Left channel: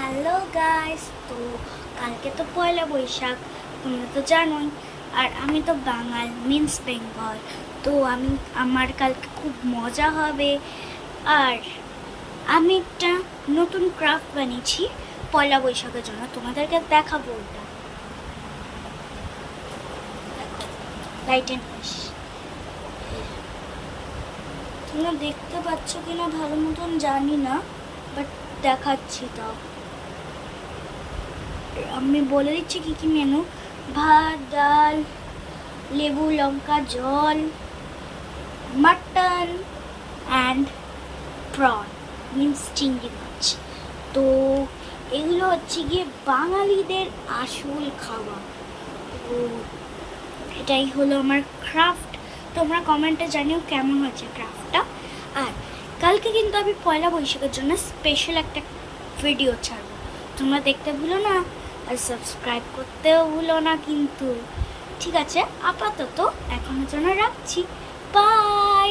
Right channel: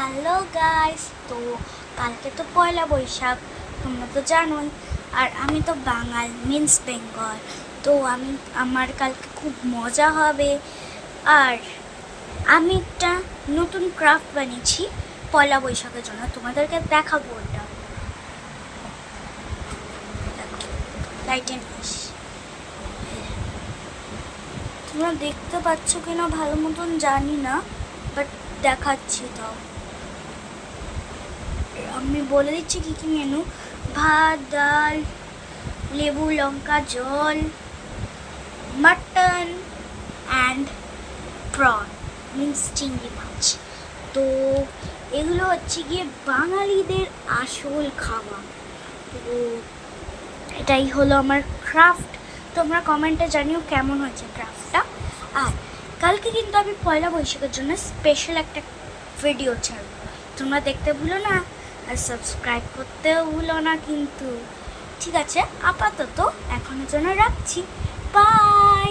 Hello guys, তো কালকে তো পয়লা বৈশাখ, তোমরা তো জানোই। আর আমি তো বাঙাল, মিন্স বেঙ্গল। তো আমার কালকে খুব মজা হবে। আর আমি একটা নতুন ক্রাফট বানিয়েছি পয়লা বৈশাখের জন্য, তোমাদেরকে দেখাবো। ওটা দেখো, লাইটে তোমরা দেখতে পাচ্ছ কিনা ভালো মতন জানি না, বাট দেখাচ্ছি। তাও আমি বলে দিচ্ছি কী কী মেনু: ভাত, ডাল, লেবু, লঙ্কা, জল, মাটন অ্যান্ড প্রন, মিন্স চিংড়ি মাছ। তো এগুলো হচ্ছে গিয়ে বাঙালিদের আসল খাবার। তো এটাই হলো আমার ক্রাফট। তোমরা কমেন্টে জানিও কেমন হয়েছে ক্রাফটটা। আর কালকে কিন্তু আমি পয়লা বৈশাখের জন্য স্পেশাল একটা ভিডিও ছাড়বো, তোমরা দেখতে ভুলো না। আর সাবস্ক্রাইব করতেও ভুলো না কিন্তু। ঠিক আছে, আপাতত এখনের জন্য রাখছি। বাই।